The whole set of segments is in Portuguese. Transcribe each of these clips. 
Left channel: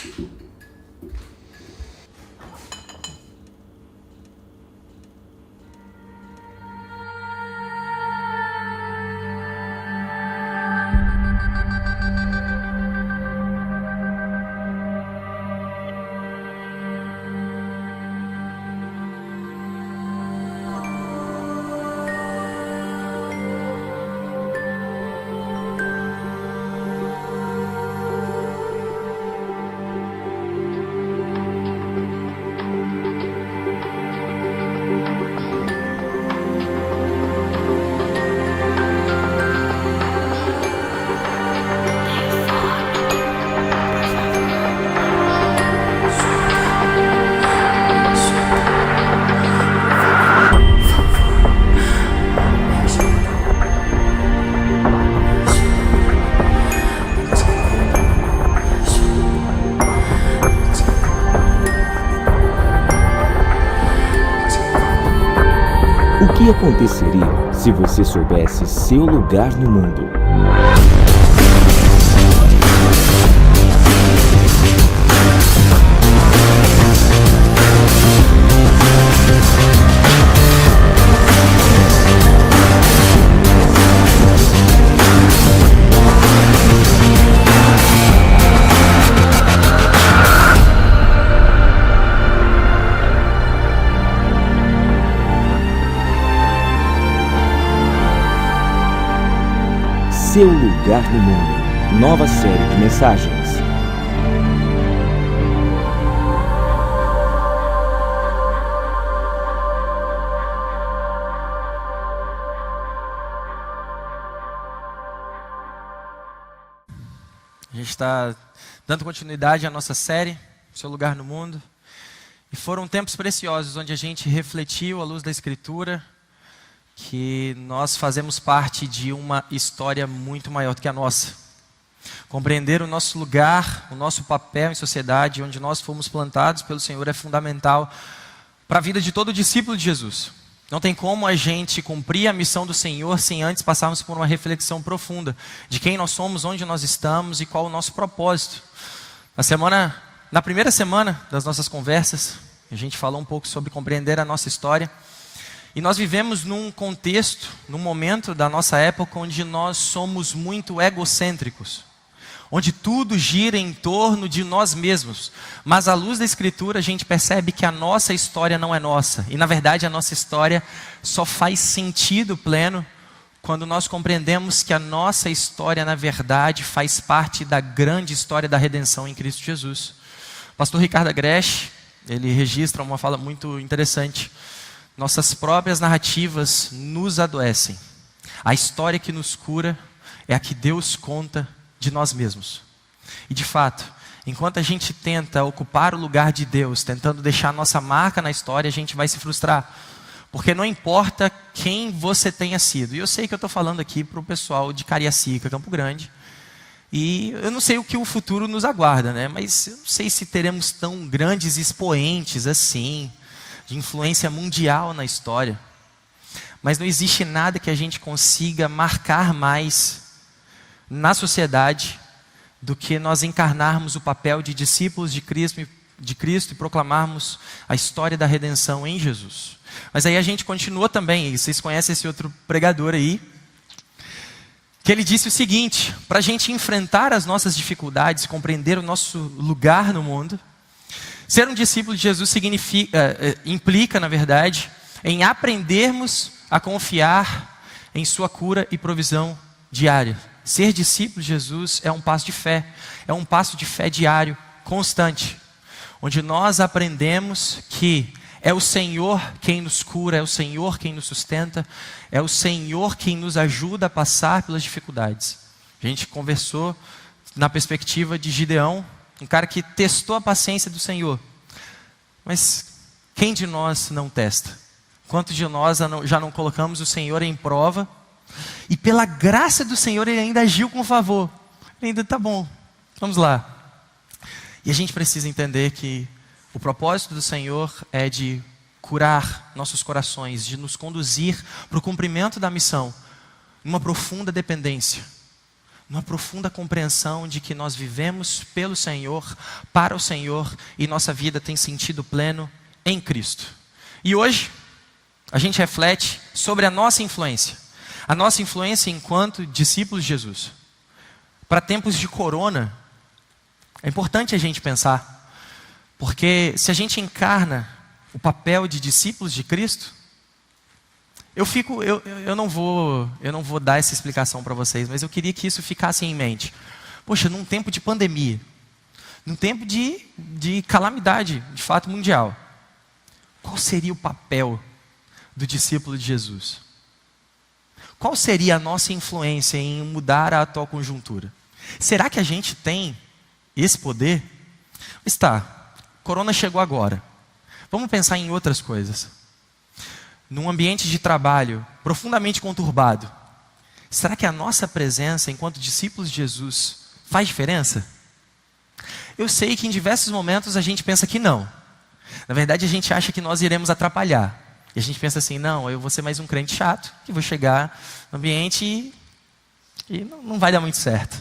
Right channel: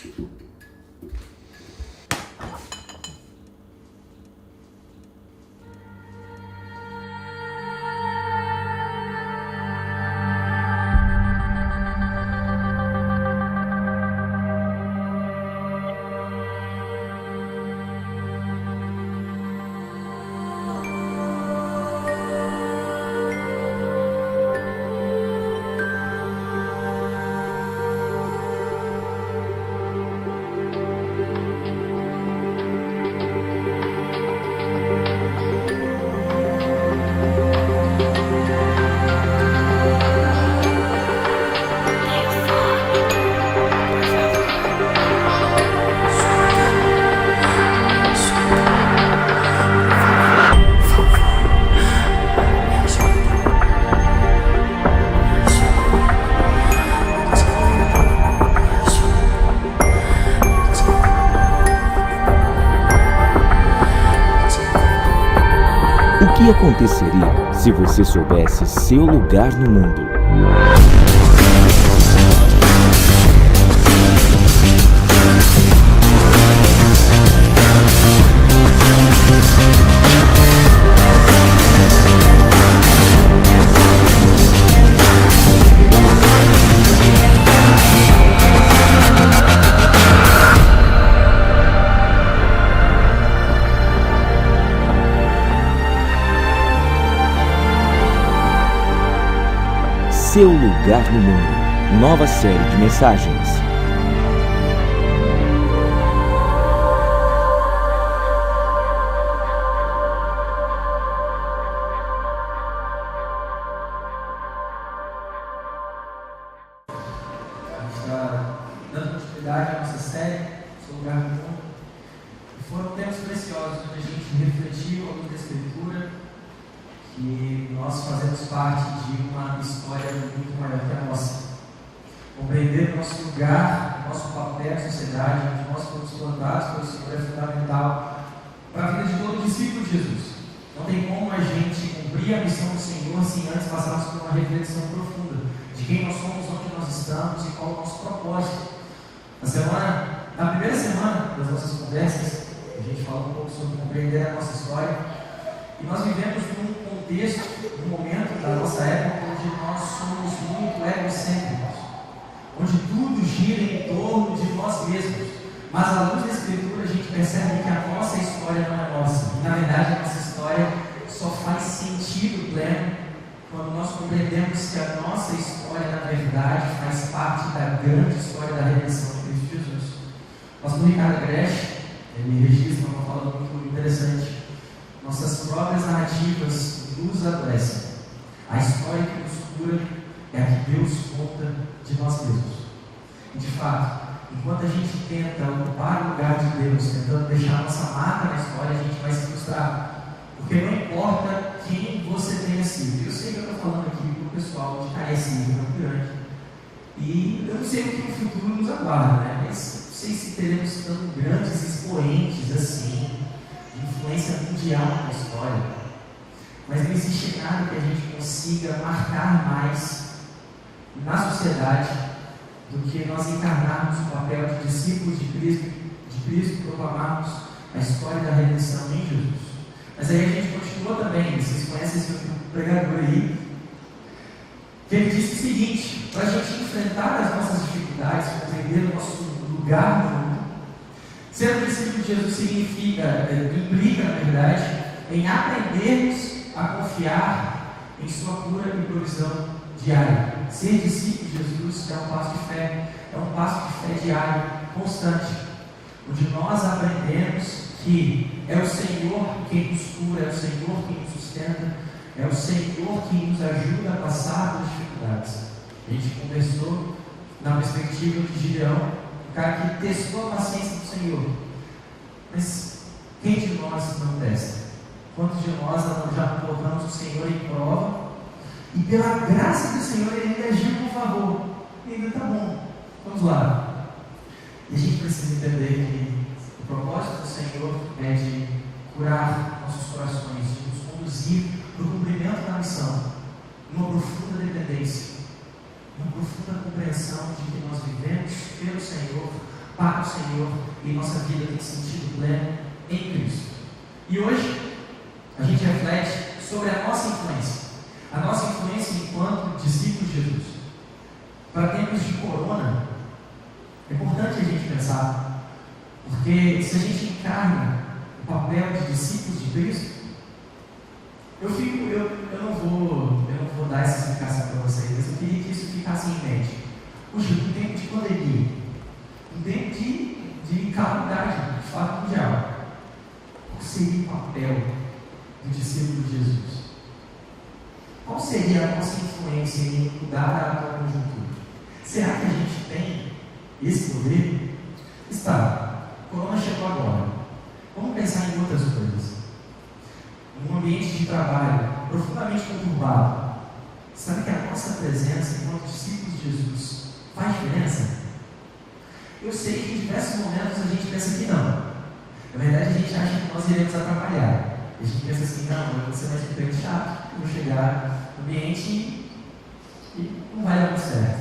O que aconteceria se você soubesse seu lugar no mundo? Seu lugar no mundo. Nova série de mensagens. A gente está dando continuidade à nossa série, Seu Lugar no Mundo. E foram tempos preciosos onde a gente refletiu à luz da Escritura que nós fazemos parte de uma história muito maior do que a nossa. Compreender o nosso lugar, o nosso papel em sociedade, onde nós fomos plantados pelo Senhor, é fundamental para a vida de todo discípulo de Jesus. Não tem como a gente cumprir a missão do Senhor sem antes passarmos por uma reflexão profunda de quem nós somos, onde nós estamos e qual o nosso propósito. Na primeira semana das nossas conversas, a gente falou um pouco sobre compreender a nossa história. E nós vivemos num contexto, num momento da nossa época onde nós somos muito egocêntricos, onde tudo gira em torno de nós mesmos. Mas à luz da Escritura a gente percebe que a nossa história não é nossa. E na verdade a nossa história só faz sentido pleno quando nós compreendemos que a nossa história na verdade faz parte da grande história da redenção em Cristo Jesus. O pastor Ricardo Agreste, ele registra uma fala muito interessante. Nossas próprias narrativas nos adoecem. A história que nos cura é a que Deus conta de nós mesmos. E de fato, enquanto a gente tenta ocupar o lugar de Deus, tentando deixar nossa marca na história, a gente vai se frustrar. Porque não importa quem você tenha sido. E eu sei que eu estou falando aqui para o pessoal de Cariacica, Campo Grande. E eu não sei o que o futuro nos aguarda, né? Mas eu não sei se teremos tão grandes expoentes assim, de influência mundial na história. Mas não existe nada que a gente consiga marcar mais na sociedade do que nós encarnarmos o papel de discípulos de Cristo e proclamarmos a história da redenção em Jesus. Mas aí a gente continua também, vocês conhecem esse outro pregador aí, que ele disse o seguinte: para a gente enfrentar as nossas dificuldades, compreender o nosso lugar no mundo, ser um discípulo de Jesus implica, na verdade, em aprendermos a confiar em sua cura e provisão diária. Ser discípulo de Jesus é um passo de fé diário, constante, onde nós aprendemos que é o Senhor quem nos cura, é o Senhor quem nos sustenta, é o Senhor quem nos ajuda a passar pelas dificuldades. A gente conversou na perspectiva de Gideão, um cara que testou a paciência do Senhor. Mas quem de nós não testa? Quantos de nós já não colocamos o Senhor em prova e pela graça do Senhor Ele ainda agiu com favor? Ainda tá bom, vamos lá. E a gente precisa entender que o propósito do Senhor é de curar nossos corações, de nos conduzir para o cumprimento da missão, uma profunda dependência, uma profunda compreensão de que nós vivemos pelo Senhor, para o Senhor, e nossa vida tem sentido pleno em Cristo. E hoje a gente reflete sobre a nossa influência enquanto discípulos de Jesus. Para tempos de corona, é importante a gente pensar, porque se a gente encarna o papel de discípulos de Cristo, eu não vou dar essa explicação para vocês, mas eu queria que isso ficasse em mente. Poxa, num tempo de pandemia, num tempo de calamidade, de fato mundial, qual seria o papel do discípulo de Jesus? Qual seria a nossa influência em mudar a atual conjuntura? Será que a gente tem esse poder? Está, corona chegou agora. Vamos pensar em outras coisas. Num ambiente de trabalho profundamente conturbado, será que a nossa presença enquanto discípulos de Jesus faz diferença? Eu sei que em diversos momentos a gente pensa que não. Na verdade, a gente acha que nós iremos atrapalhar. E a gente pensa assim, não, eu vou ser mais um crente chato, que vou chegar no ambiente e não vai dar muito certo.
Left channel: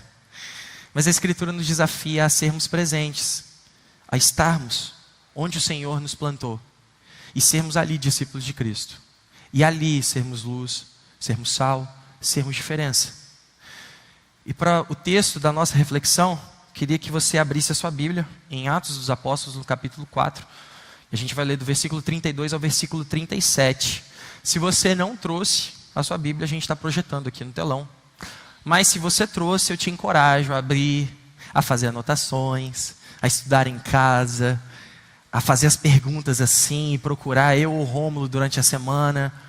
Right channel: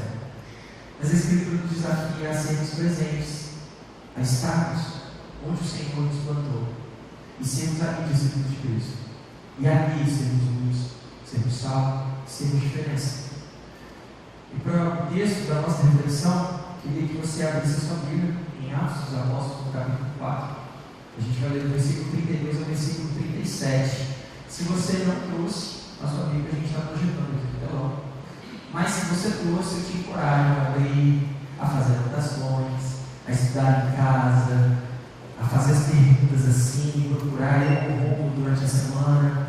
Mas a Escritura nos desafia a sermos presentes, a estarmos onde o Senhor nos plantou, e sermos ali discípulos de Cristo, e ali sermos luz, sermos sal, sermos diferença. E para o texto da nossa reflexão, queria que você abrisse a sua Bíblia em Atos dos Apóstolos, no capítulo 4. A gente vai ler do versículo 32 ao versículo 37. Se você não trouxe a sua Bíblia, a gente está projetando aqui no telão. Mas se você trouxe, eu te encorajo a abrir, a fazer anotações, a estudar em casa, a fazer as perguntas assim, e procurar eu ou o Rômulo durante a semana.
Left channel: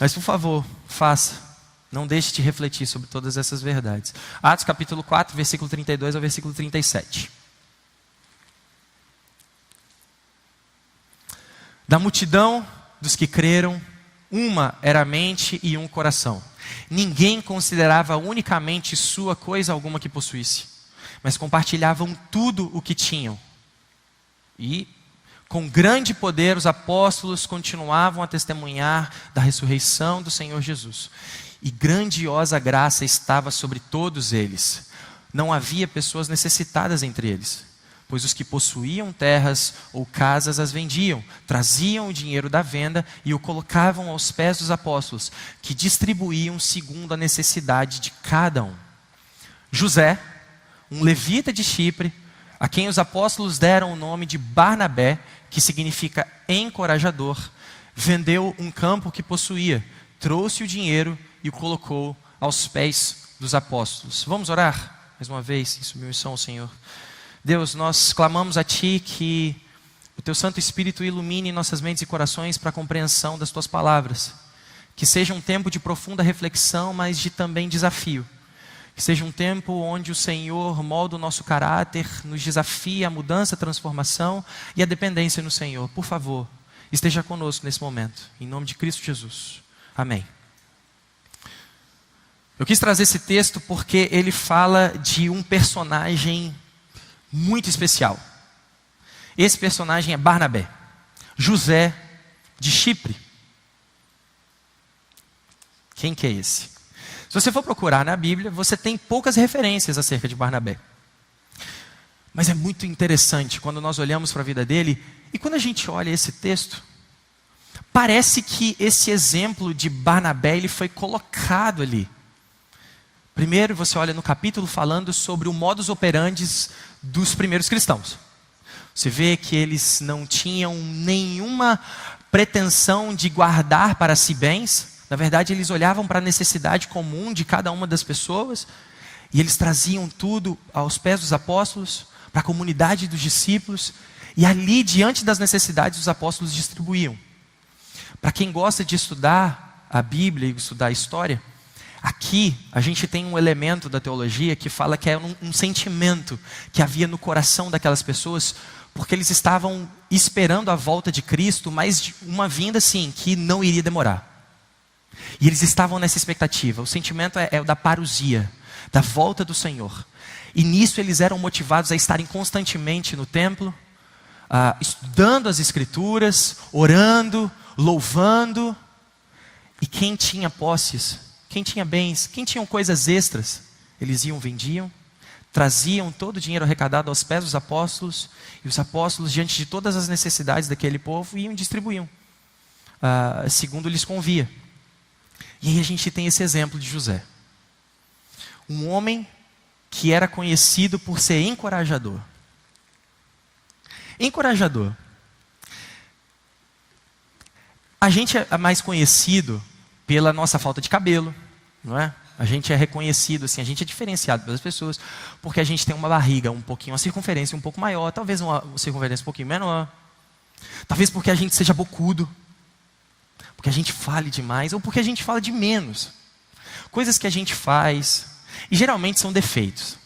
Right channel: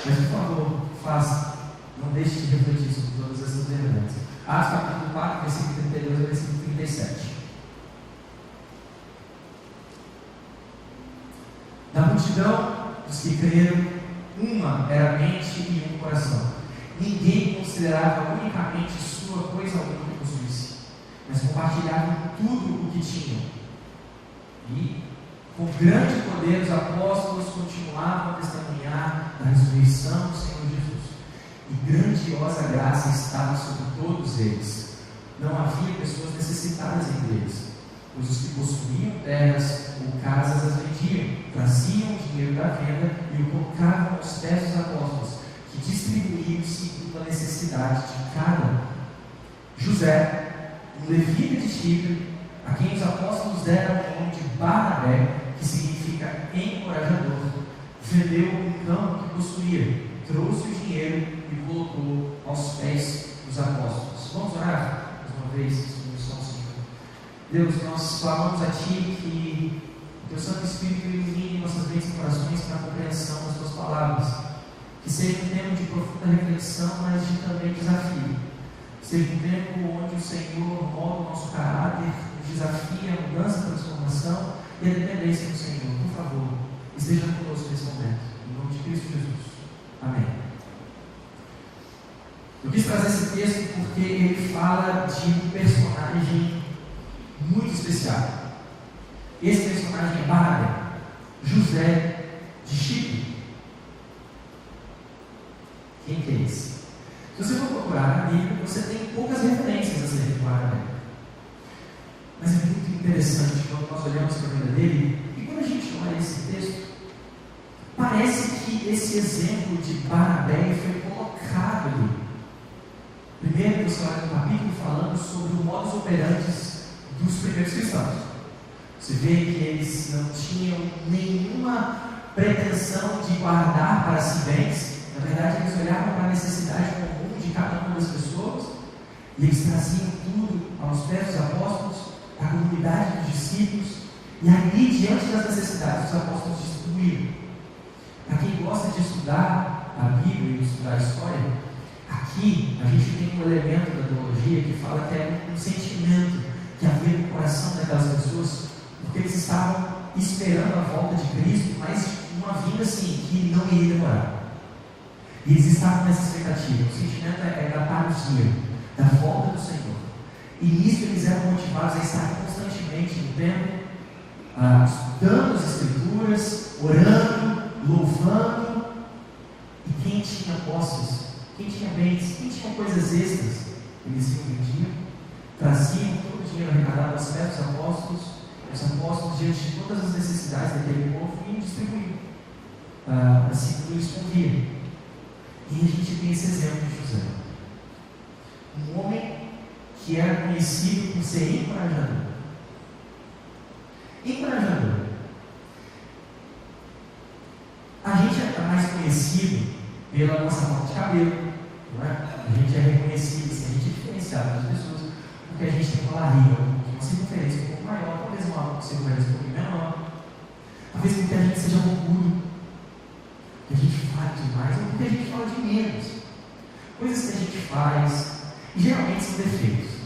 Mas por favor, faça. Não deixe de refletir sobre todas essas verdades. Atos capítulo 4, versículo 32 ao versículo 37. Da multidão dos que creram, uma era a mente e um coração. Ninguém considerava unicamente sua coisa alguma que possuísse, mas compartilhavam tudo o que tinham. E, com grande poder, os apóstolos continuavam a testemunhar da ressurreição do Senhor Jesus. E grandiosa graça estava sobre todos eles. Não havia pessoas necessitadas entre eles, pois os que possuíam terras ou casas as vendiam, traziam o dinheiro da venda e o colocavam aos pés dos apóstolos, que distribuíam segundo a necessidade de cada um. José, um levita de Chipre, a quem os apóstolos deram o nome de Barnabé, que significa encorajador, vendeu um campo que possuía, trouxe o dinheiro e o colocou aos pés dos apóstolos. Vamos orar mais uma vez em submissão ao Senhor. Deus, nós clamamos a Ti que o Teu Santo Espírito ilumine nossas mentes e corações para a compreensão das Tuas palavras, que seja um tempo de profunda reflexão, mas de também desafio, que seja um tempo onde o Senhor molda o nosso caráter, nos desafia a mudança, a transformação e a dependência no Senhor. Por favor, esteja conosco nesse momento, em nome de Cristo Jesus, amém. Eu quis trazer esse texto porque ele fala de um personagem muito especial. Esse personagem é Barnabé, José de Chipre. Quem que é esse? Se você for procurar na Bíblia, você tem poucas referências acerca de Barnabé, mas é muito interessante quando nós olhamos para a vida dele. E quando a gente olha esse texto, parece que esse exemplo de Barnabé ele foi colocado ali. Primeiro você olha no capítulo falando sobre o modus operandi dos primeiros cristãos. Você vê que eles não tinham nenhuma pretensão de guardar para si bens. Na verdade, eles olhavam para a necessidade comum de cada uma das pessoas e eles traziam tudo aos pés dos apóstolos, para a comunidade dos discípulos, e ali, diante das necessidades, os apóstolos distribuíam. Para quem gosta de estudar a Bíblia e estudar a história, aqui a gente tem um elemento da teologia que fala que é um sentimento que havia no coração daquelas pessoas, porque eles estavam esperando a volta de Cristo, mas de uma vinda assim, que não iria demorar. E eles estavam nessa expectativa. O sentimento é da parousia, da volta do Senhor. E nisso eles eram motivados a estarem constantemente no templo, estudando as Escrituras, orando, louvando. E quem tinha posses, quem tinha bens, quem tinha coisas extras, eles iam, vendiam, traziam todo o dinheiro arrecadado aos pés dos apóstolos, e os apóstolos, diante de todas as necessidades daquele povo, iam e distribuíam, segundo lhes convia. E aí a gente tem esse exemplo de José, um homem que era conhecido por ser encorajador. Encorajador. A gente é mais conhecido pela nossa falta de cabelo, não é? A gente é reconhecido assim, a gente é diferenciado pelas pessoas porque a gente tem uma barriga um pouquinho, uma circunferência um pouco maior, talvez uma circunferência um pouquinho menor, talvez porque a gente seja bocudo, porque a gente fale demais, ou porque a gente fala de menos. Coisas que a gente faz, e geralmente são defeitos,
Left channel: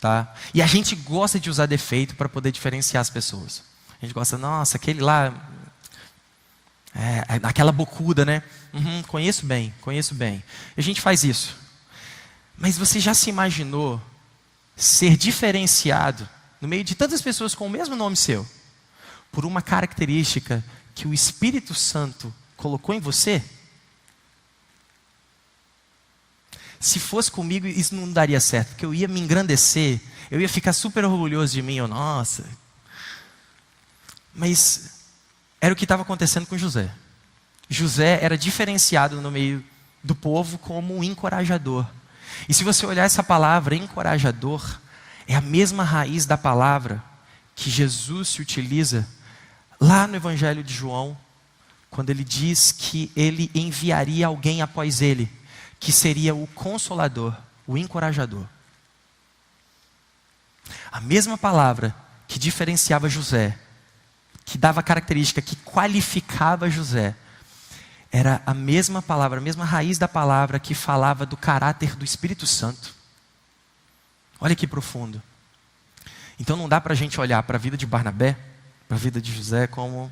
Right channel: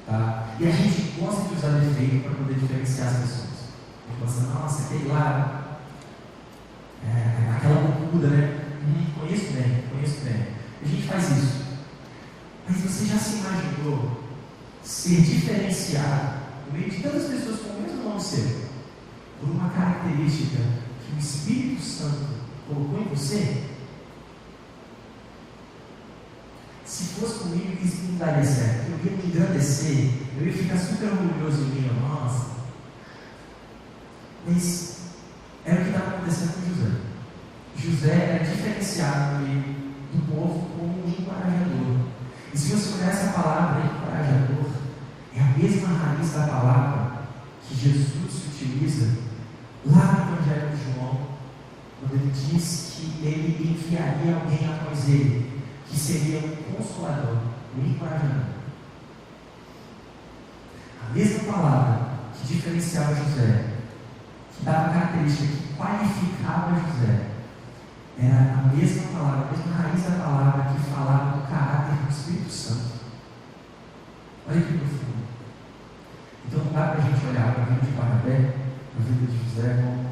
tá? E a gente gosta de usar defeito para poder diferenciar as pessoas. A gente gosta, nossa, aquele lá, aquela bocuda, né? Conheço bem. A gente faz isso. Mas você já se imaginou ser diferenciado no meio de tantas pessoas com o mesmo nome seu, por uma característica que o Espírito Santo colocou em você? Se fosse comigo, isso não daria certo, porque eu ia me engrandecer, eu ia ficar super orgulhoso de mim, nossa. Mas era o que estava acontecendo com José. José era diferenciado no meio do povo como um encorajador. E se você olhar essa palavra, encorajador, é a mesma raiz da palavra que Jesus se utiliza lá no Evangelho de João, quando ele diz que ele enviaria alguém após ele, que seria o consolador, o encorajador. A mesma palavra que diferenciava José, que dava característica, que qualificava José, era a mesma palavra, a mesma raiz da palavra que falava do caráter do Espírito Santo. Olha que profundo. Então não dá para a gente olhar para a vida de Barnabé, para a vida de José como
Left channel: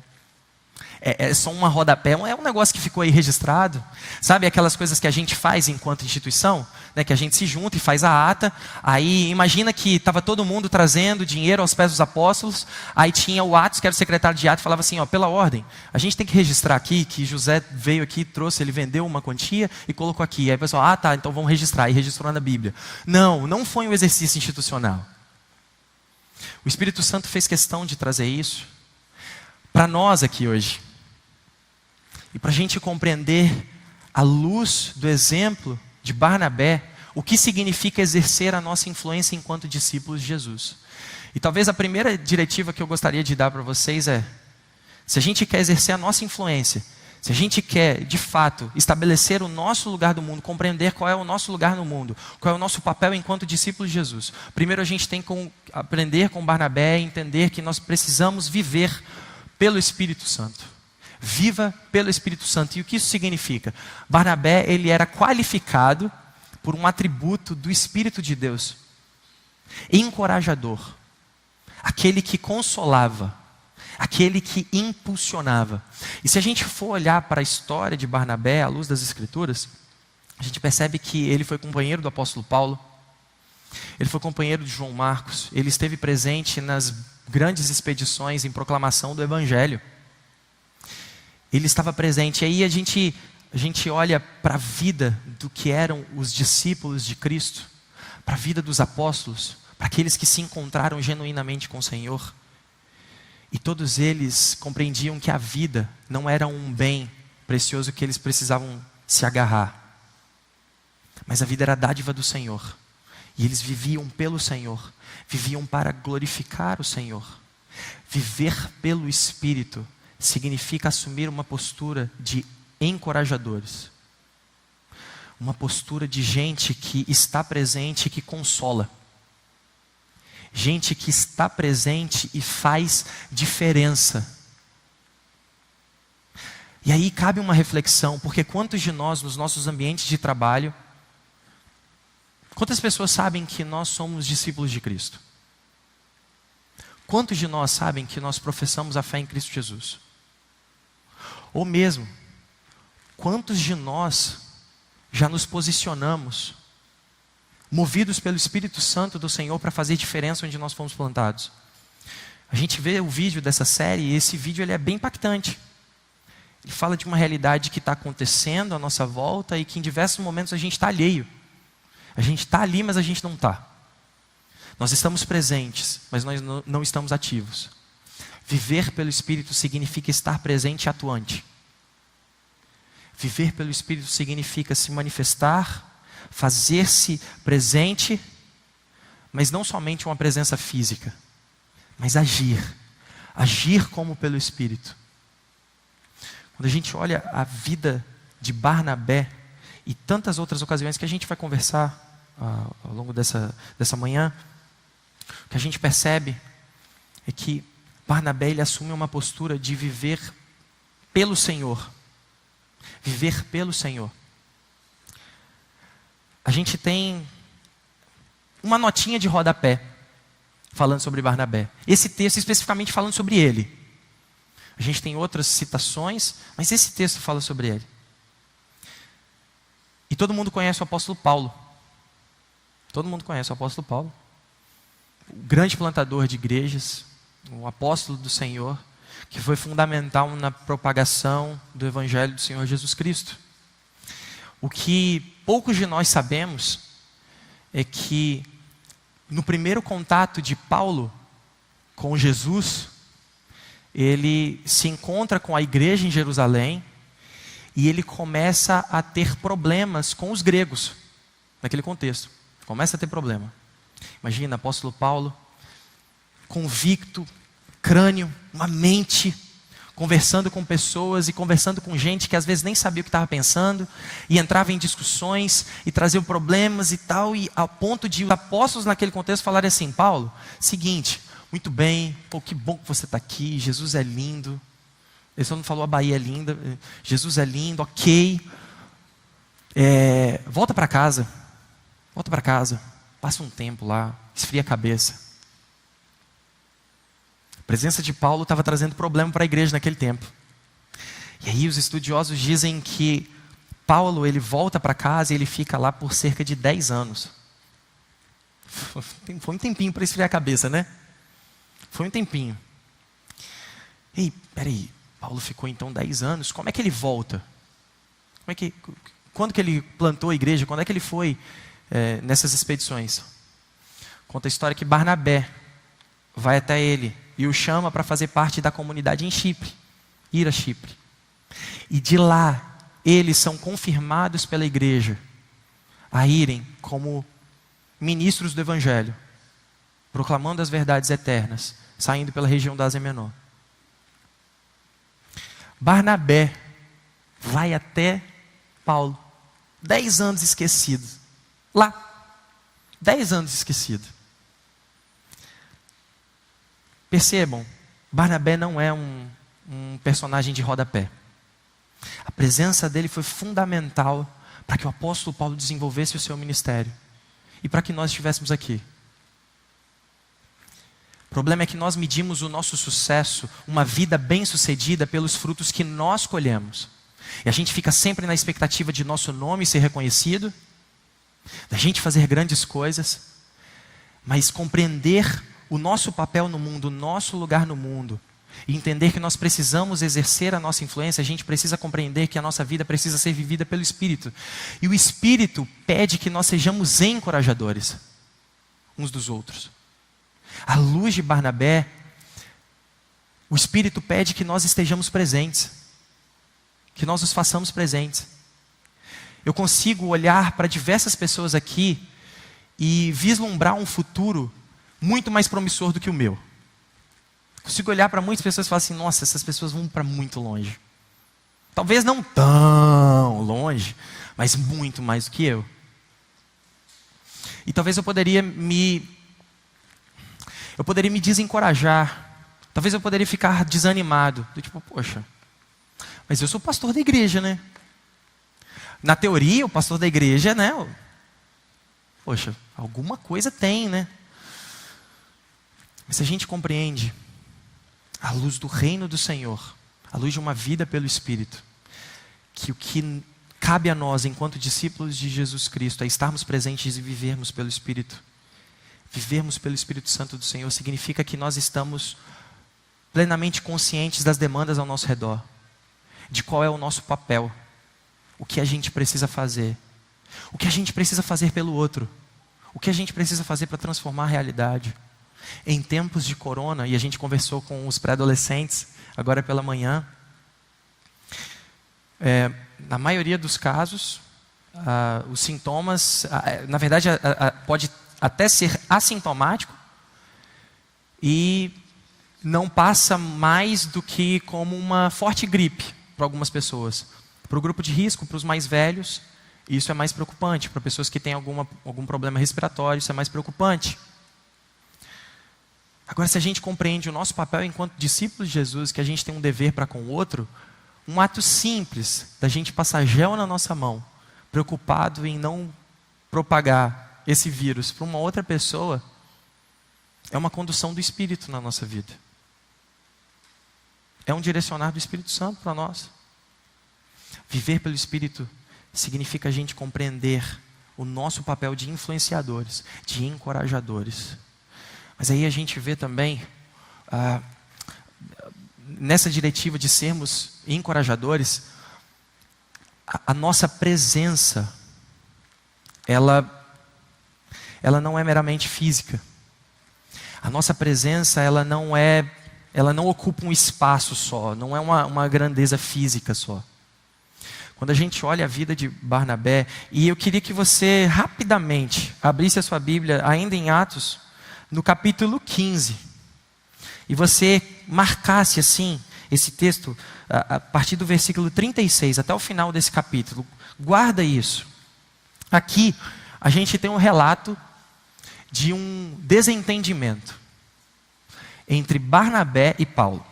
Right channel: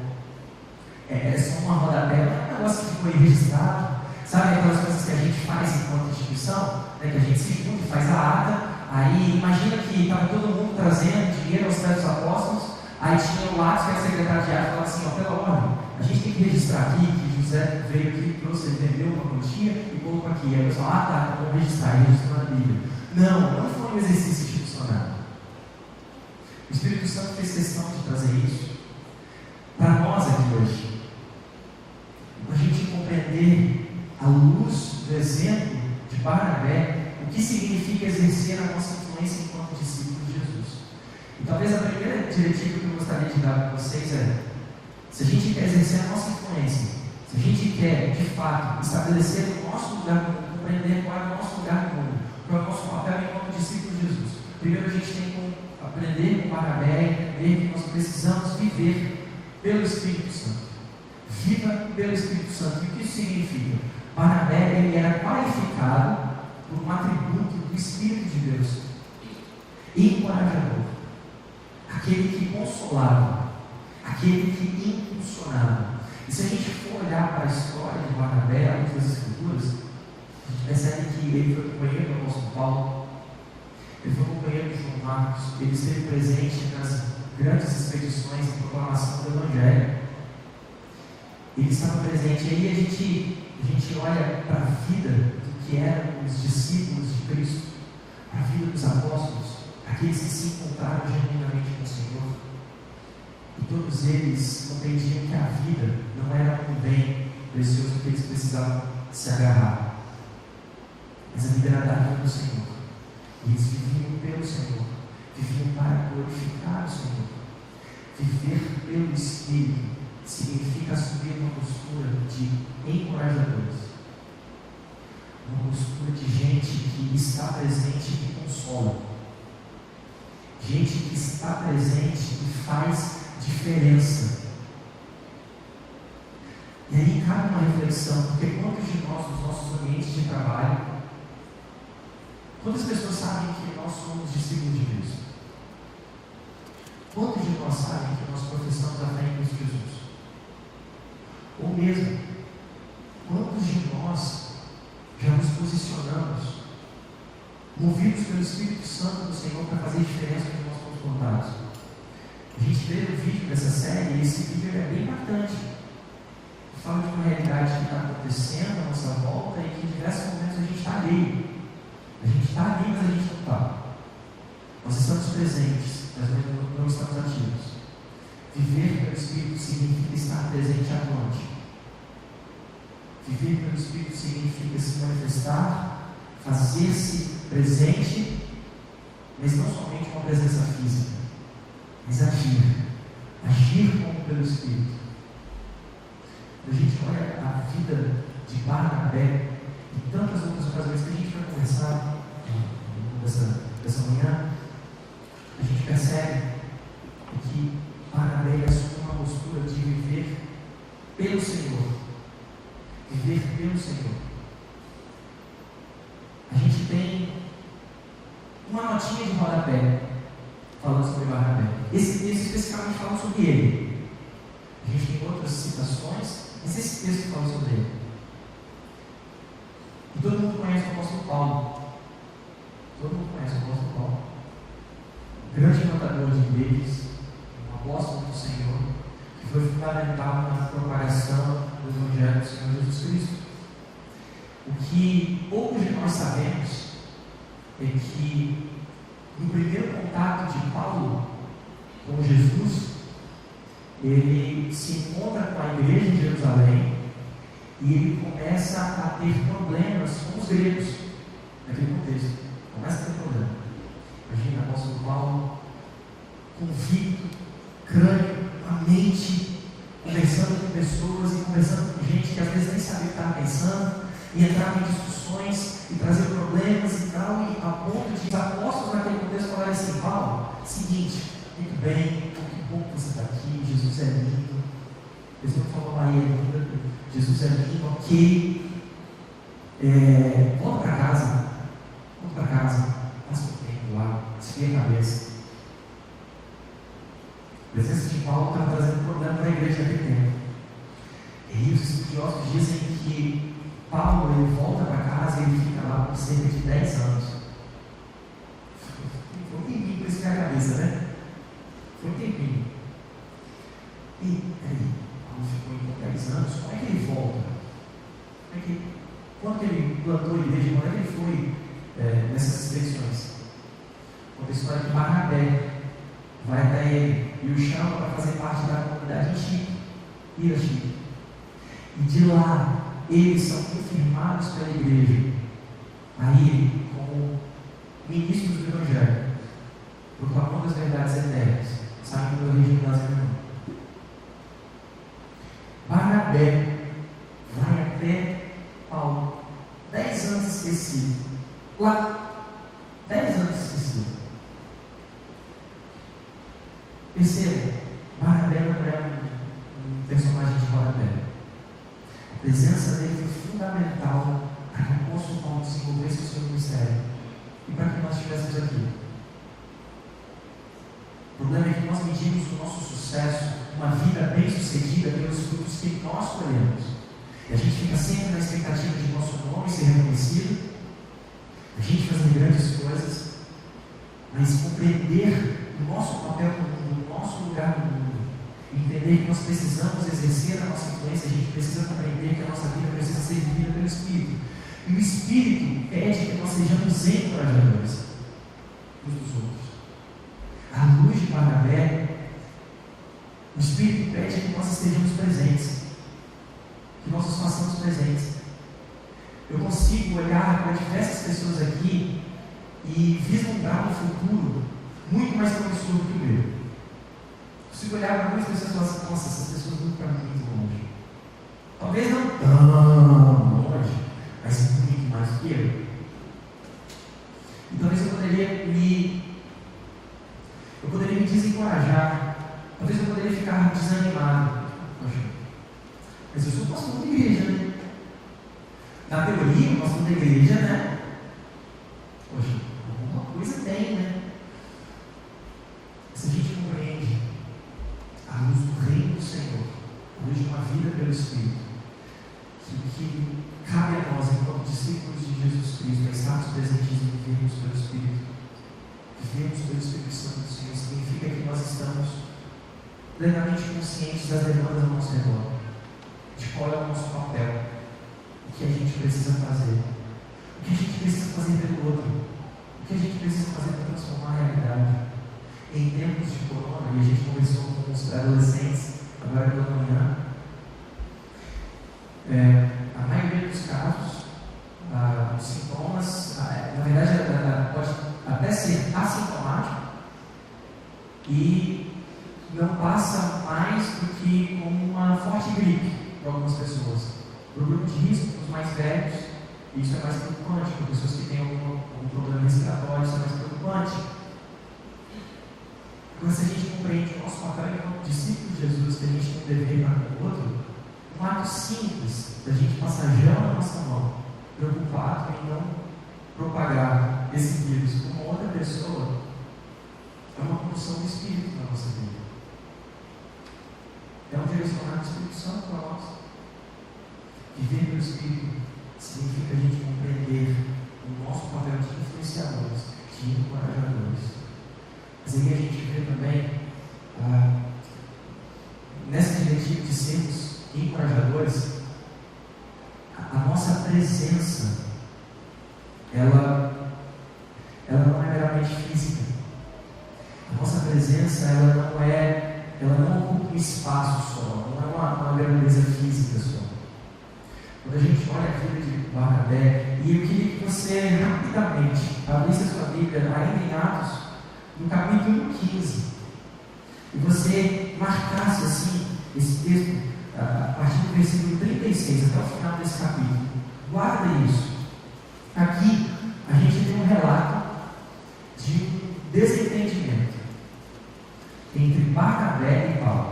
é só uma rodapé, é um negócio que ficou aí registrado, sabe aquelas coisas que a gente faz enquanto instituição, né, que a gente se junta e faz a ata, aí imagina que estava todo mundo trazendo dinheiro aos pés dos apóstolos, aí tinha o Atos, que era o secretário de Atos, falava assim, pela ordem, a gente tem que registrar aqui, que José veio aqui, trouxe, ele vendeu uma quantia e colocou aqui, aí o pessoal, tá, então vamos registrar, e registrou na Bíblia. Não foi um exercício institucional. O Espírito Santo fez questão de trazer isso para nós aqui hoje, e para a gente compreender, à luz do exemplo de Barnabé, o que significa exercer a nossa influência enquanto discípulos de Jesus. E talvez a primeira diretiva que eu gostaria de dar para vocês é: se a gente quer exercer a nossa influência, se a gente quer de fato estabelecer o nosso lugar no mundo, compreender qual é o nosso lugar no mundo, qual é o nosso papel enquanto discípulos de Jesus, primeiro a gente tem que aprender com Barnabé, entender que nós precisamos viver pelo Espírito Santo. Viva pelo Espírito Santo. E o que isso significa? Barnabé, ele era qualificado por um atributo do Espírito de Deus: encorajador, aquele que consolava, aquele que impulsionava. E se a gente for olhar para a história de Barnabé à luz das Escrituras, a gente percebe que ele foi companheiro do apóstolo Paulo, ele foi companheiro de João Marcos, ele esteve presente nas grandes expedições em proclamação do Evangelho. Ele estava presente. Aí a gente olha para a vida do que eram os discípulos de Cristo, para a vida dos apóstolos, para aqueles que se encontraram genuinamente com o Senhor, e todos eles compreendiam que a vida não era um bem precioso que eles precisavam se agarrar, mas a vida era a dádiva do Senhor, e eles viviam pelo Senhor, viviam para glorificar o Senhor. Viver pelo Espírito significa assumir uma postura de encorajadores, uma postura de gente que está presente e que consola, gente que está presente e faz diferença. E aí cabe uma reflexão, porque quantos de nós nos nossos ambientes de trabalho, quantas pessoas sabem que nós somos discípulos de Cristo? Quantos de nós sabem que nós professamos a fé em Cristo Jesus? Ou mesmo, quantos de nós já nos posicionamos, movidos pelo Espírito Santo do Senhor, para fazer diferença onde nós fomos plantados? A gente vê o vídeo dessa série, e esse vídeo ele é bem impactante. Ele fala de uma realidade que está acontecendo à nossa volta e que em diversos momentos a gente está alheio. A gente está ali, mas a gente não está. Nós estamos presentes, mas nós não estamos ativos. Viver pelo Espírito significa estar presente e atuante. Viver pelo Espírito significa se manifestar, fazer-se presente, mas não somente uma presença física, mas agir. Agir como pelo Espírito. Quando a gente olha a vida de Barnabé e tantas outras ocasiões que a gente vai conversar ao longo dessa manhã, o que a gente percebe é que Barnabé, ele assume uma postura de viver pelo Senhor. Viver pelo Senhor. A gente tem uma notinha de rodapé falando sobre Barnabé. Esse texto especificamente falando sobre ele. A gente tem outras citações, mas esse texto fala sobre ele. E todo mundo conhece o apóstolo Paulo. Todo mundo conhece o apóstolo Paulo. Grande plantador de igrejas, um apóstolo do Senhor, que foi fundamental na propagação do Evangelho do Senhor Jesus Cristo. O que poucos de nós sabemos é que no primeiro contato de Paulo com Jesus, ele se encontra com a igreja em Jerusalém e ele começa a ter problemas com os gregos, naquele contexto, começa a ter problema. Imagina, apóstolo Paulo, convicto, crânio, uma mente, conversando com pessoas e conversando com gente que às vezes nem sabia o que estava pensando, e entrava em discussões e trazia problemas e tal, e ao ponto de os apóstolos naquele contexto falarem assim: Paulo, seguinte, muito bem, pô, que bom que você está aqui, Jesus é lindo. Ele só não falou a Bahia é linda, Jesus é lindo, ok, volta para casa, passa um tempo lá, esfria a cabeça. A presença de Paulo estava trazendo problema para a igreja naquele tempo. E aí os estudiosos dizem que Paulo, ele volta para casa e ele fica lá por cerca de 10 anos. Foi um tempinho para esfriar a cabeça, né? Foi um tempinho. Ei, peraí, Paulo ficou então 10 anos, como é que ele volta? Quando que ele plantou a igreja? Quando é que ele foi nessas expedições? Conta a história que Barnabé vai até ele e o chama para fazer parte da comunidade em Chipre, ir a Chipre. E de lá, eles são confirmados pela igreja a irem como ministros do Evangelho, proclamando as verdades eternas, saindo pela região da Ásia Menor. Barnabé vai até Paulo, 10 anos esquecido, lá, 10 anos esquecido. Percebam, Barnabé não é um personagem de rodapé. A presença dele foi fundamental para que o apóstolo Paulo desenvolvesse o seu ministério e para que nós estivéssemos aqui. O problema é que nós medimos o nosso sucesso, uma vida bem-sucedida, pelos frutos que nós colhemos. E a gente fica sempre na expectativa de nosso nome ser reconhecido, da gente fazer grandes coisas, mas compreender o nosso papel no mundo, o nosso lugar no mundo, e entender que nós precisamos exercer a nossa influência. A gente precisa compreender que a nossa vida precisa ser vivida pelo Espírito, e o Espírito pede que nós sejamos encorajadores uns dos outros. À luz de Barnabé, o Espírito pede que nós estejamos presentes, que nós nos façamos presentes. Eu consigo olhar para diversas pessoas aqui e vislumbrar um futuro muito mais promissor do que o meu. Consigo olhar para muitas pessoas e falar assim: nossa, essas pessoas vão para muito longe. Talvez não tão longe, mas muito mais do que eu. E talvez eu poderia me desencorajar. Talvez eu poderia ficar desanimado. Tipo, poxa, mas eu sou pastor da igreja, né? Na teoria, o pastor da igreja, né? Poxa, alguma coisa tem, né? Se a gente compreende, à luz do reino do Senhor, à luz de uma vida pelo Espírito, que o que cabe a nós, enquanto discípulos de Jesus Cristo, é estarmos presentes e vivermos pelo Espírito. Vivermos pelo Espírito Santo do Senhor significa que nós estamos plenamente conscientes das demandas ao nosso redor. de qual é o nosso papel, o que a gente precisa fazer, o que a gente precisa fazer pelo outro, o que a gente precisa fazer para transformar a realidade. Em tempos de corona, e a gente conversou com os pré-adolescentes agora pela manhã, na maioria dos casos, os sintomas, na verdade, pode até ser assintomático e não passa mais do que como uma forte gripe para algumas pessoas. Para o grupo de risco, para os mais velhos, isso é mais preocupante. Para pessoas que têm algum problema respiratório, isso é mais preocupante. Agora, se a gente compreende o nosso papel enquanto discípulos de Jesus, que a gente tem um dever para com o outro, um ato simples da gente passar gel na nossa mão, preocupado em não propagar esse vírus para uma outra pessoa, é uma condução do Espírito na nossa vida. É um direcionar do Espírito Santo para nós. Viver pelo Espírito significa a gente compreender o nosso papel de influenciadores, de encorajadores. Mas aí a gente vê também, nessa diretiva de sermos encorajadores, a nossa presença, ela não é meramente física. A nossa presença, ela não ocupa um espaço só, não é uma grandeza física só. Quando a gente olha a vida de Barnabé, e eu queria que você rapidamente abrisse a sua Bíblia, ainda em Atos, no capítulo 15, e você marcasse assim esse texto a partir do versículo 36 até o final desse capítulo. Guarda isso. Aqui a gente tem um relato de um desentendimento entre Barnabé e Paulo,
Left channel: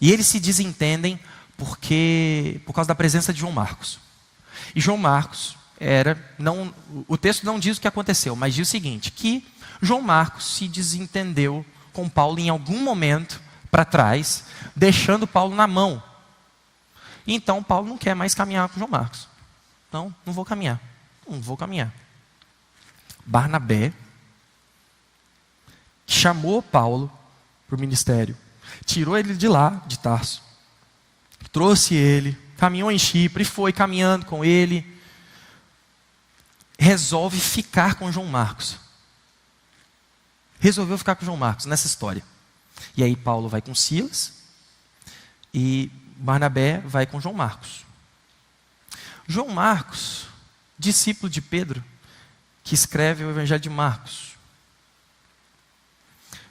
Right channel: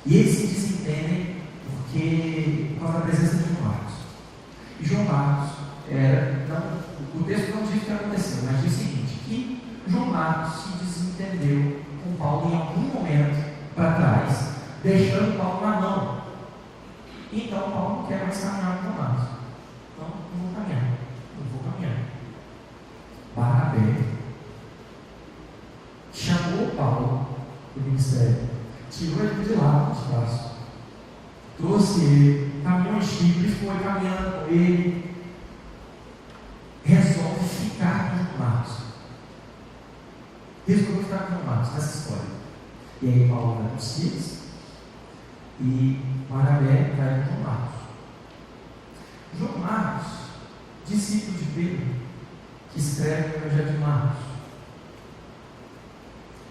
e eles se desentendem por causa da presença de João Marcos. E João Marcos o texto não diz o que aconteceu, mas diz o seguinte, que João Marcos se desentendeu com Paulo em algum momento para trás, deixando Paulo na mão. Então Paulo não quer mais caminhar com João Marcos. Não vou caminhar. Barnabé, que chamou Paulo para o ministério, tirou ele de lá, de Tarso, trouxe ele, caminhou em Chipre, foi caminhando com ele, resolve ficar com João Marcos. Resolveu ficar com João Marcos nessa história. E aí Paulo vai com Silas e Barnabé vai com João Marcos. João Marcos, discípulo de Pedro, que escreve o Evangelho de Marcos.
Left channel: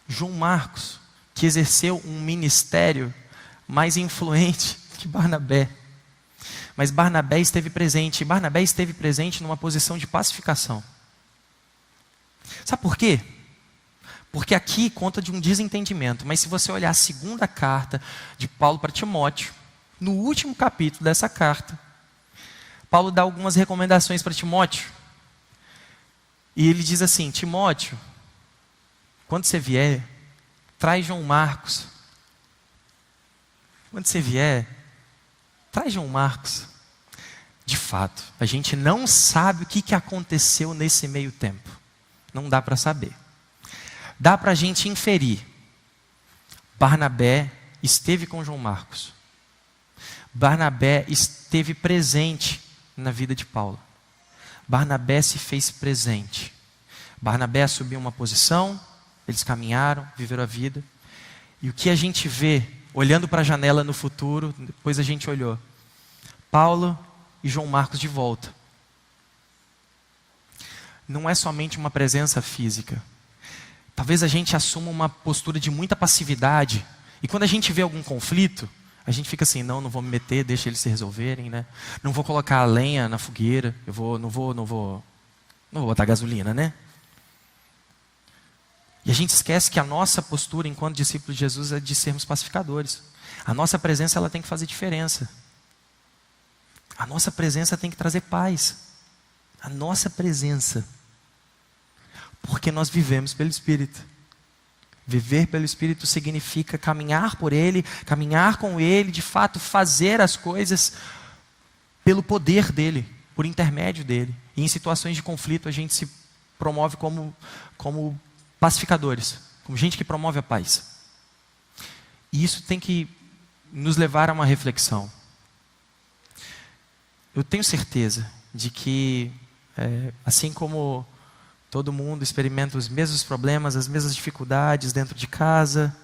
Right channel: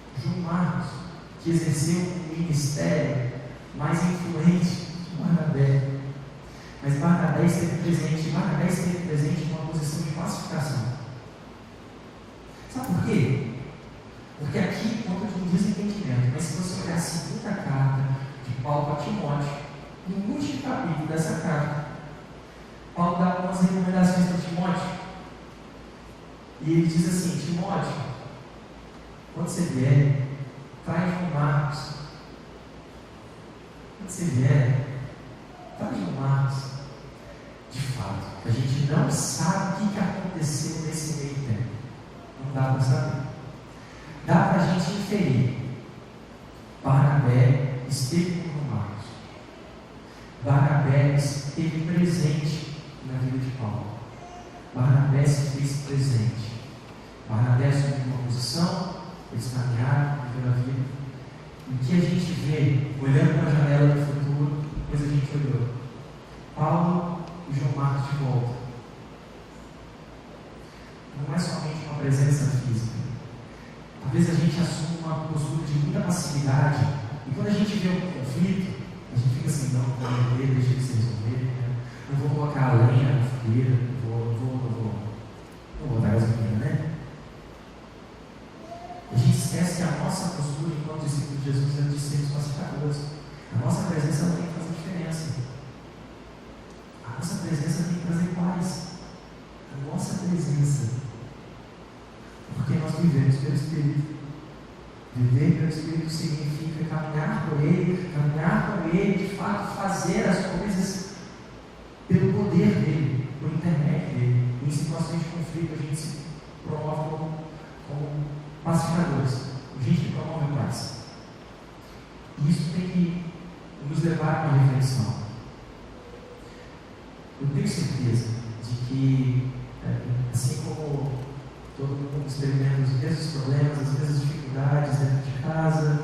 João Marcos, que exerceu um ministério mais influente que Barnabé. Mas Barnabé esteve presente numa posição de pacificação. Sabe por quê? Porque aqui conta de um desentendimento, mas se você olhar a segunda carta de Paulo para Timóteo, no último capítulo dessa carta, Paulo dá algumas recomendações para Timóteo, e ele diz assim: Timóteo, quando você vier, traz João Marcos. Quando você vier, traz João Marcos. De fato, a gente não sabe o que aconteceu nesse meio tempo, não dá para saber. Dá para a gente inferir. Barnabé esteve com João Marcos. Barnabé esteve presente na vida de Paulo. Barnabé se fez presente. Barnabé assumiu uma posição, eles caminharam, viveram a vida. E o que a gente vê, olhando para a janela no futuro, depois a gente olhou, Paulo e João Marcos de volta. Não é somente uma presença física. Talvez a gente assuma uma postura de muita passividade, e quando a gente vê algum conflito, a gente fica assim: não vou me meter, deixa eles se resolverem, né? Não vou colocar a lenha na fogueira, não vou botar gasolina, né? E a gente esquece que a nossa postura enquanto discípulos de Jesus é de sermos pacificadores. A nossa presença, ela tem que fazer diferença. A nossa presença tem que trazer paz. A nossa presença, porque nós vivemos pelo Espírito. Viver pelo Espírito significa caminhar por Ele, caminhar com Ele, de fato fazer as coisas pelo poder dEle, por intermédio dEle. E em situações de conflito a gente se promove como pacificadores, como gente que promove a paz. E isso tem que nos levar a uma reflexão. eu tenho certeza de que, assim como todo mundo experimenta os mesmos problemas, as mesmas dificuldades dentro de casa,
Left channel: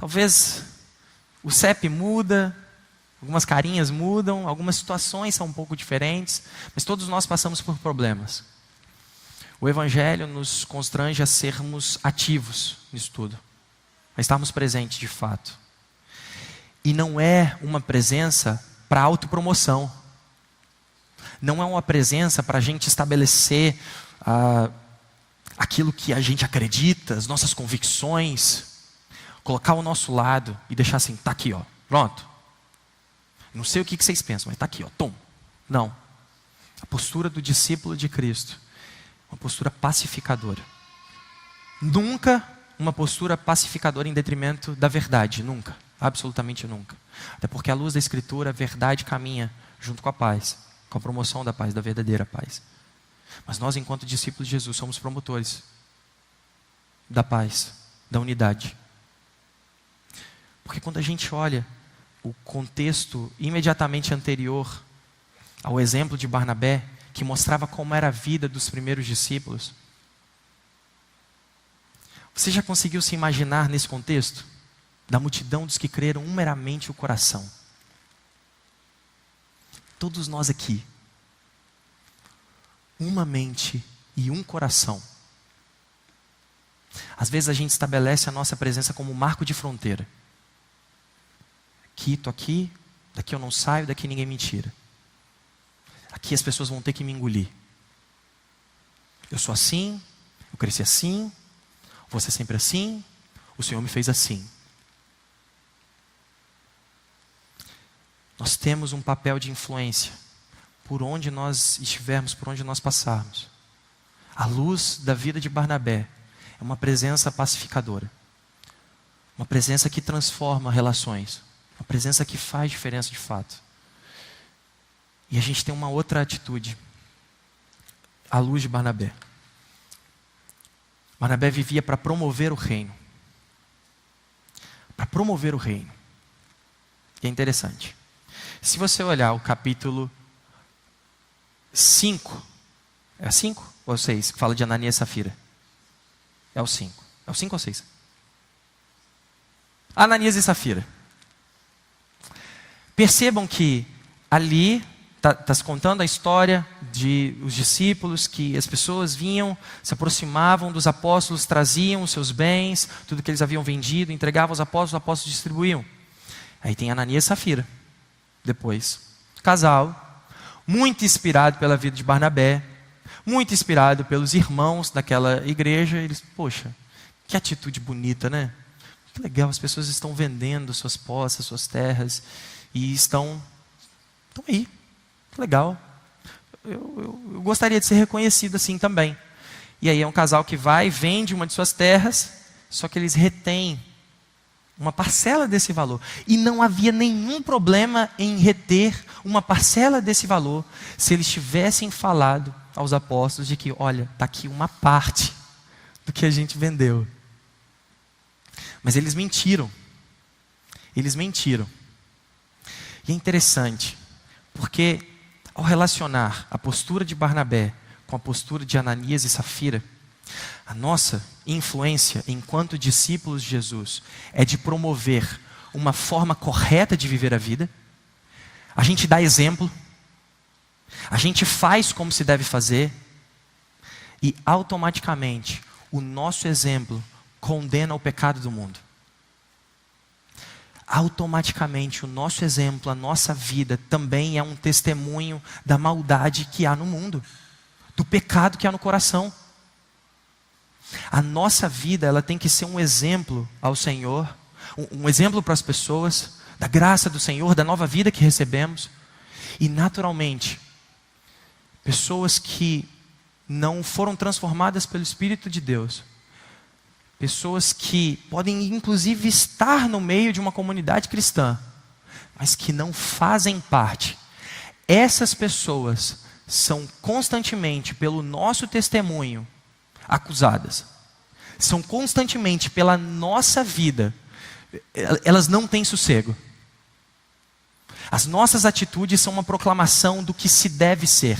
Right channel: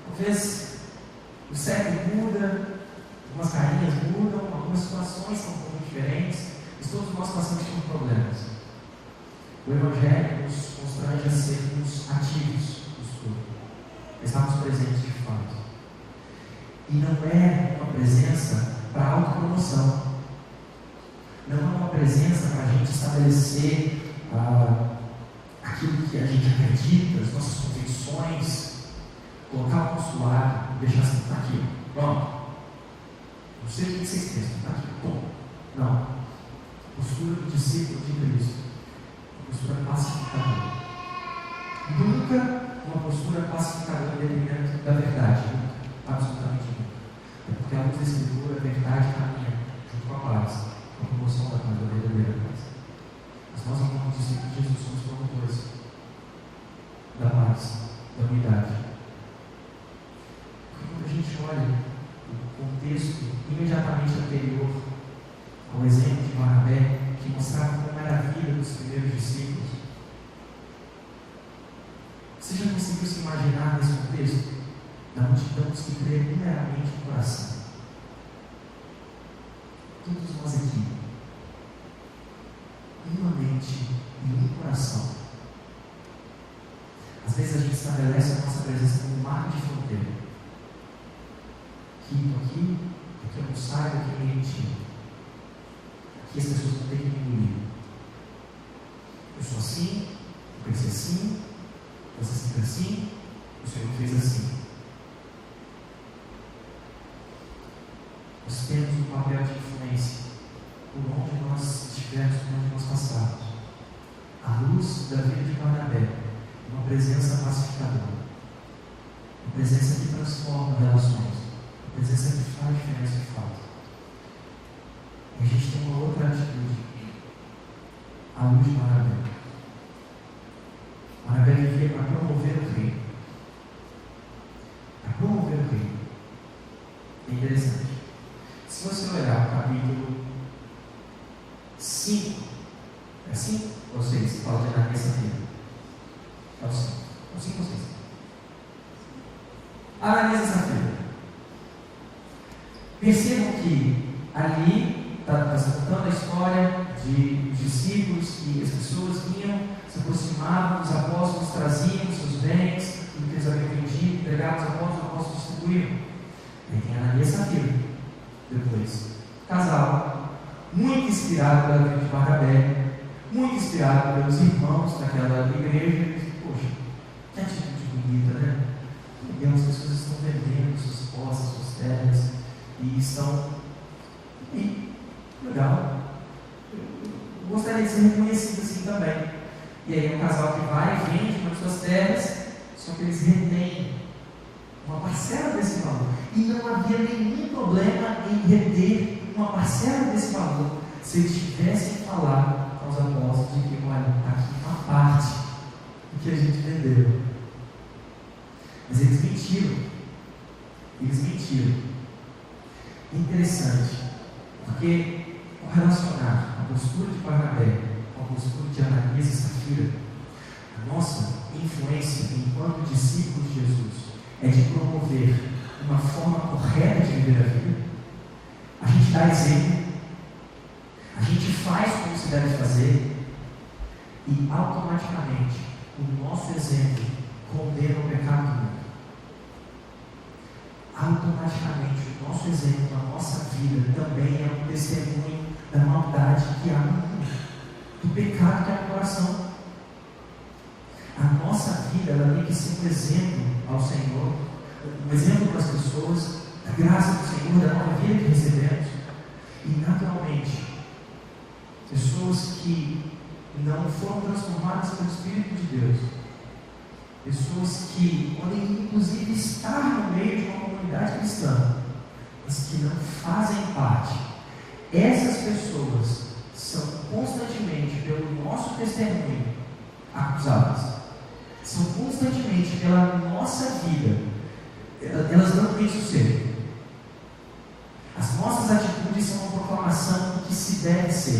talvez o CEP muda, algumas carinhas mudam, algumas situações são um pouco diferentes, mas todos nós passamos por problemas. O Evangelho nos constrange a sermos ativos nisso tudo, a estarmos presentes de fato. E não é uma presença para autopromoção, não é uma presença para a gente estabelecer aquilo que a gente acredita, as nossas convicções, colocar ao nosso lado e deixar assim, está aqui, ó, pronto. Não sei o que vocês pensam, mas está aqui, ó, tom. Não. A postura do discípulo de Cristo, uma postura pacificadora. Nunca uma postura pacificadora em detrimento da verdade, nunca, absolutamente nunca. Até porque à luz da Escritura, a verdade caminha junto com a paz, com a promoção da paz, da verdadeira paz. Mas nós, enquanto discípulos de Jesus, somos promotores da paz, da unidade. Porque quando a gente olha o contexto imediatamente anterior ao exemplo de Barnabé, que mostrava como era a vida dos primeiros discípulos, você já conseguiu se imaginar nesse contexto? Da multidão dos que creram meramente o coração. Todos nós aqui, uma mente e um coração. Às vezes a gente estabelece a nossa presença como um marco de fronteira. Aqui, estou aqui, daqui eu não saio, daqui ninguém me tira. Aqui as pessoas vão ter que me engolir. Eu sou assim, eu cresci assim, vou ser sempre assim, o Senhor me fez assim. Nós temos um papel de influência por onde nós estivermos, por onde nós passarmos. A luz da vida de Barnabé é uma presença pacificadora, uma presença que transforma relações, uma presença que faz diferença de fato. E a gente tem uma outra atitude, a luz de Barnabé. Barnabé vivia para promover o reino, para promover o reino. E é interessante, se você olhar o capítulo 5, é 5 ou 6, que fala de Ananias e Safira? É o 5, é o 5 ou 6? Ananias e Safira. Percebam que ali está se contando a história de os discípulos, que as pessoas vinham, se aproximavam dos apóstolos, traziam os seus bens, tudo que eles haviam vendido, entregavam aos apóstolos, os apóstolos distribuíam. Aí tem Ananias e Safira, depois, casal, muito inspirado pela vida de Barnabé, muito inspirado pelos irmãos daquela igreja. Eles, poxa, que atitude bonita, né? Que legal, as pessoas estão vendendo suas posses, suas terras, e estão aí. Legal, eu gostaria de ser reconhecido assim também. E aí é um casal que vai, vende uma de suas terras, só que eles retêm uma parcela desse valor, e não havia nenhum problema em reter uma parcela desse valor, se eles tivessem falado aos apóstolos de que, olha, está aqui uma parte do que a gente vendeu. Mas eles mentiram, e é interessante, porque ao relacionar a postura de Barnabé com a postura de Ananias e Safira, a nossa influência enquanto discípulos de Jesus é de promover uma forma correta de viver a vida. A gente dá exemplo, a gente faz como se deve fazer, e automaticamente o nosso exemplo condena o pecado do mundo. Automaticamente o nosso exemplo, a nossa vida também é um testemunho da maldade que há no mundo, do pecado que há no coração. A nossa vida, ela tem que ser um exemplo ao Senhor, um exemplo para as pessoas, da graça do Senhor, da nova vida que recebemos. E naturalmente, pessoas que não foram transformadas pelo Espírito de Deus, pessoas que podem inclusive estar no meio de uma comunidade cristã, mas que não fazem parte, essas pessoas são constantemente, pelo nosso testemunho, acusadas, são constantemente pela nossa vida, elas não têm sossego. As nossas atitudes são uma proclamação do que se deve ser.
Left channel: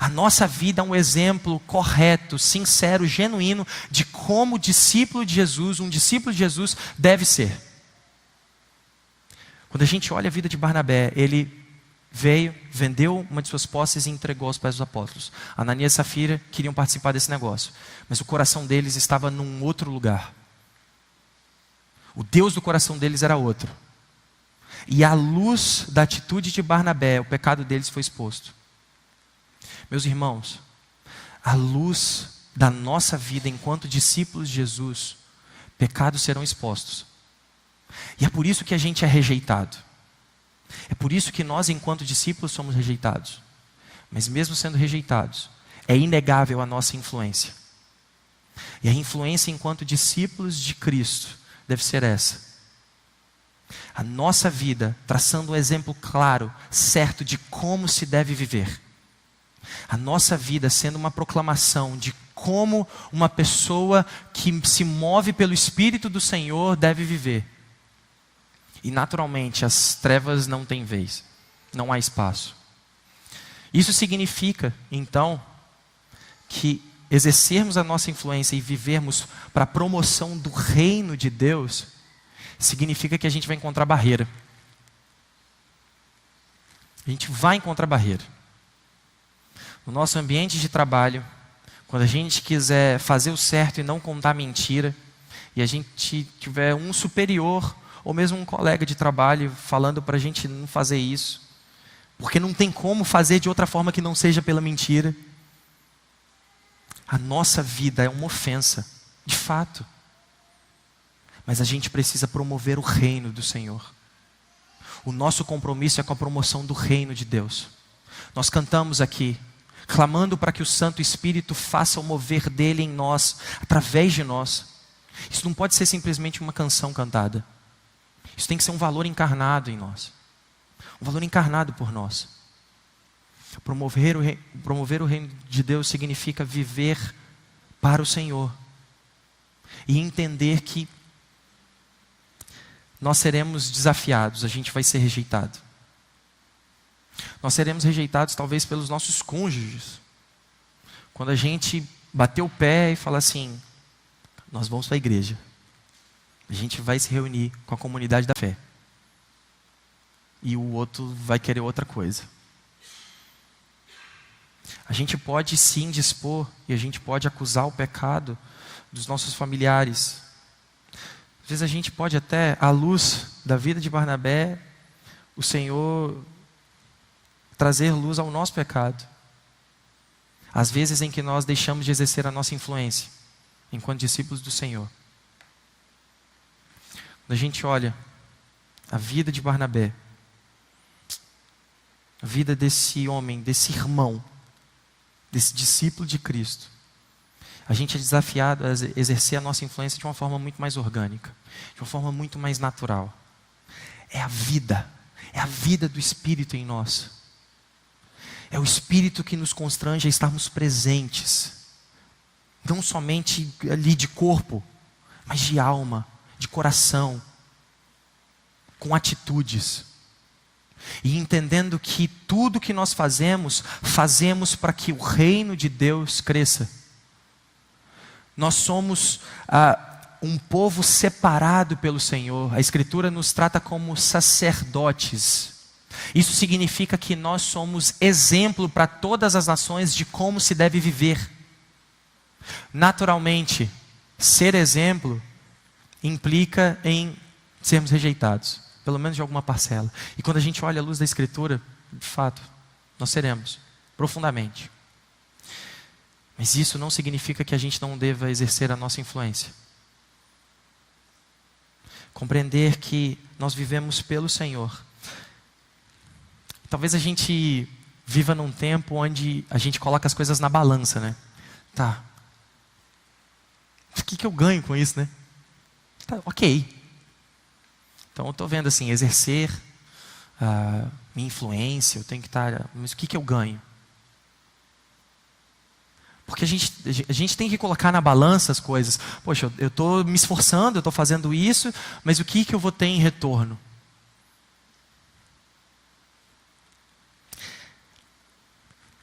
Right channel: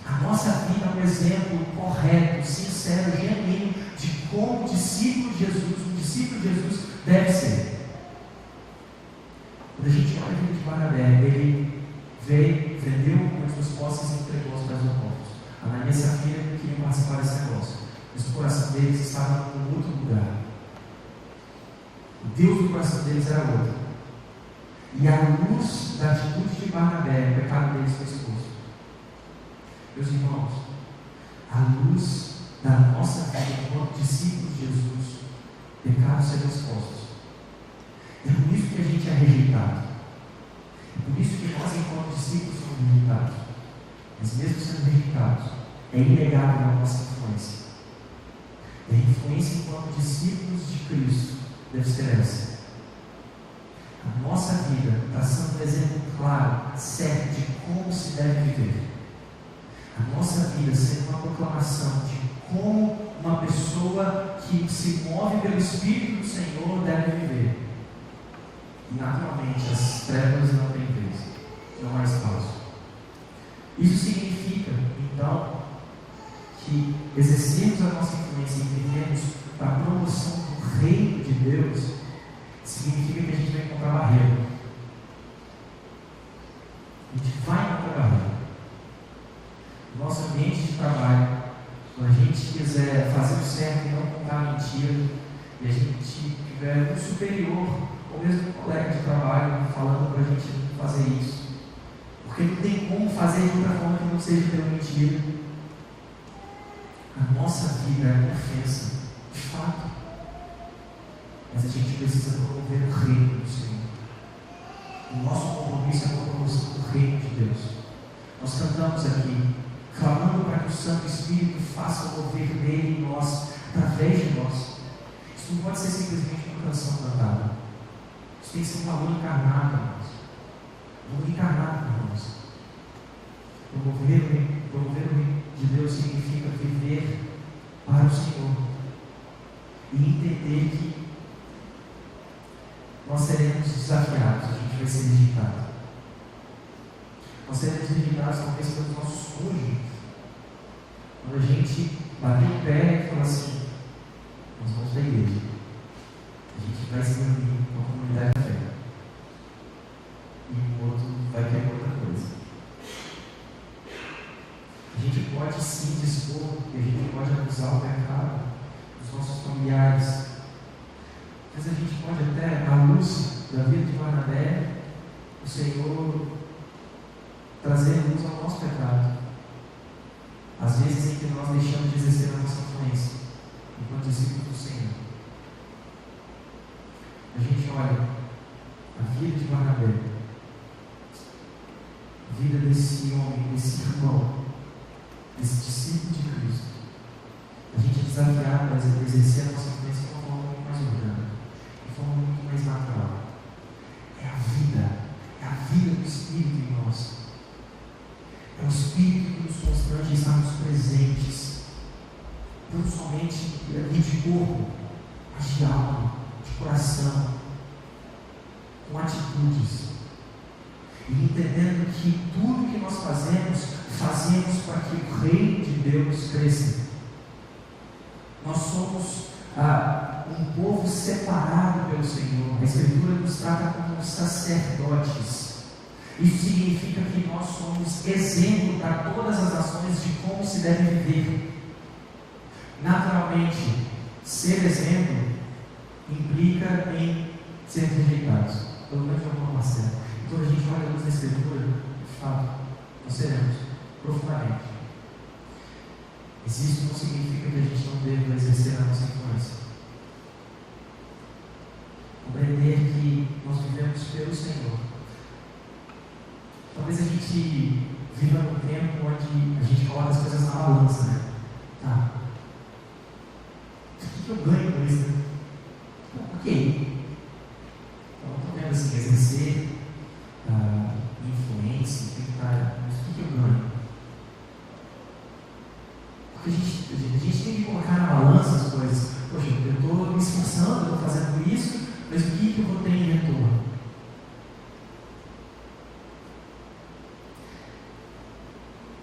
A nossa vida é um exemplo correto, sincero, genuíno de como um discípulo de Jesus deve ser. Quando a gente olha a vida de Barnabé, ele veio, vendeu uma de suas posses e entregou aos pés dos apóstolos. Ananias e Safira queriam participar desse negócio, mas o coração deles estava num outro lugar. O Deus do coração deles era outro. E à luz da atitude de Barnabé, o pecado deles foi exposto. Meus irmãos, à luz da nossa vida enquanto discípulos de Jesus, pecados serão expostos. E é por isso que a gente é rejeitado. É por isso que nós, enquanto discípulos, somos rejeitados. Mas mesmo sendo rejeitados, é inegável a nossa influência. E a influência enquanto discípulos de Cristo deve ser essa: a nossa vida traçando um exemplo claro, certo de como se deve viver. A nossa vida sendo uma proclamação de como uma pessoa que se move pelo Espírito do Senhor deve viver. E naturalmente as trevas não têm vez, não há espaço. Isso significa então que exercermos a nossa influência e vivermos para a promoção do reino de Deus significa que a gente vai encontrar barreira. A gente vai encontrar barreira. No nosso ambiente de trabalho, quando a gente quiser fazer o certo e não contar mentira, e a gente tiver um superior ou mesmo um colega de trabalho falando para a gente não fazer isso, porque não tem como fazer de outra forma que não seja pela mentira, a nossa vida é uma ofensa, de fato. Mas a gente precisa promover o reino do Senhor. O nosso compromisso é com a promoção do reino de Deus. Nós cantamos aqui, clamando para que o Santo Espírito faça o mover dele em nós, através de nós. Isso não pode ser simplesmente uma canção cantada. Isso tem que ser um valor encarnado em nós. Um valor encarnado por nós. Promover o reino de Deus significa viver para o Senhor. E entender que nós seremos desafiados, a gente vai ser rejeitado. Nós seremos rejeitados talvez pelos nossos cônjuges. Quando a gente bater o pé e falar assim: nós vamos para a igreja, a gente vai se reunir com a comunidade da fé, e o outro vai querer outra coisa. A gente pode se indispor e a gente pode acusar o pecado dos nossos familiares. Às vezes a gente pode até, à luz da vida de Barnabé, o Senhor trazer luz ao nosso pecado. Às vezes em que nós deixamos de exercer a nossa influência enquanto discípulos do Senhor. Quando a gente olha a vida de Barnabé, a vida desse homem, desse irmão, desse discípulo de Cristo, a gente é desafiado a exercer a nossa influência de uma forma muito mais orgânica, de uma forma muito mais natural. É a vida do Espírito em nós. É o Espírito que nos constrange a estarmos presentes, não somente ali de corpo, mas de alma, de coração, com atitudes, e entendendo que tudo que nós fazemos para que o reino de Deus cresça. Nós somos um povo separado pelo Senhor. A Escritura nos trata como sacerdotes. Isso significa que nós somos exemplo para todas as nações de como se deve viver. Naturalmente, ser exemplo implica em sermos rejeitados, pelo menos de alguma parcela. E quando a gente olha a luz da Escritura, de fato, nós seremos profundamente. Mas isso não significa que a gente não deva exercer a nossa influência. Compreender que nós vivemos pelo Senhor. Talvez a gente viva num tempo onde a gente coloca as coisas na balança, né? Tá. O que eu ganho com isso, né? Tá, ok. Então eu estou vendo assim, exercer minha influência, eu tenho que estar. Mas o que eu ganho? Porque a gente tem que colocar na balança as coisas. Poxa, eu estou me esforçando, eu estou fazendo isso, mas o que eu vou ter em retorno?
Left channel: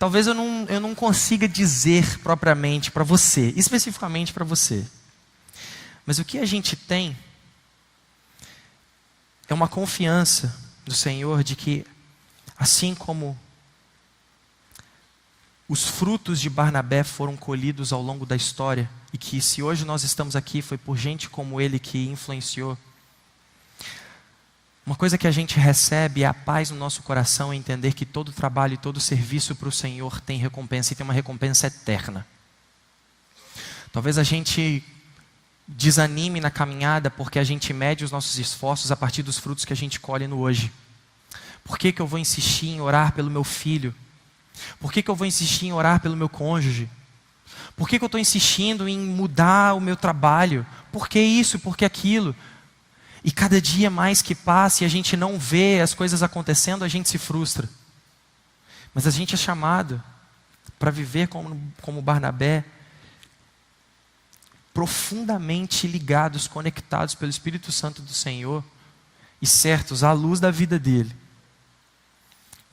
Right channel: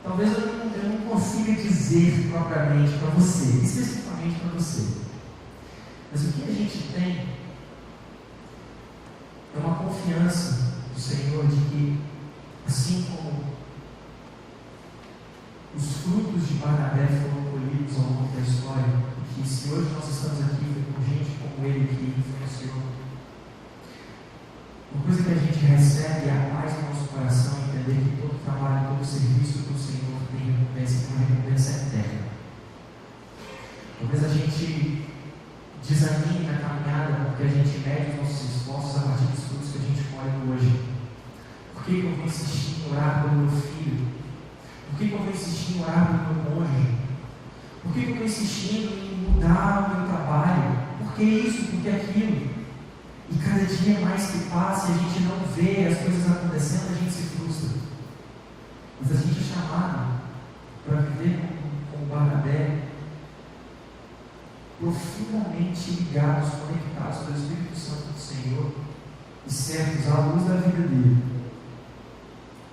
Talvez eu não consiga dizer propriamente para você, especificamente para você. Mas o que a gente tem é uma confiança do Senhor de que, assim como os frutos de Barnabé foram colhidos ao longo da história, e que se hoje nós estamos aqui foi por gente como ele que influenciou, uma coisa que a gente recebe é a paz no nosso coração, entender que todo trabalho e todo serviço para o Senhor tem recompensa, e tem uma recompensa eterna. Talvez a gente desanime na caminhada porque a gente mede os nossos esforços a partir dos frutos que a gente colhe no hoje. Por que eu vou insistir em orar pelo meu filho? Por que eu vou insistir em orar pelo meu cônjuge? Por que eu estou insistindo em mudar o meu trabalho? Por que isso? Por que aquilo? E cada dia mais que passa e a gente não vê as coisas acontecendo, a gente se frustra. Mas a gente é chamado para viver como Barnabé, profundamente ligados, conectados pelo Espírito Santo do Senhor e certos à luz da vida dele,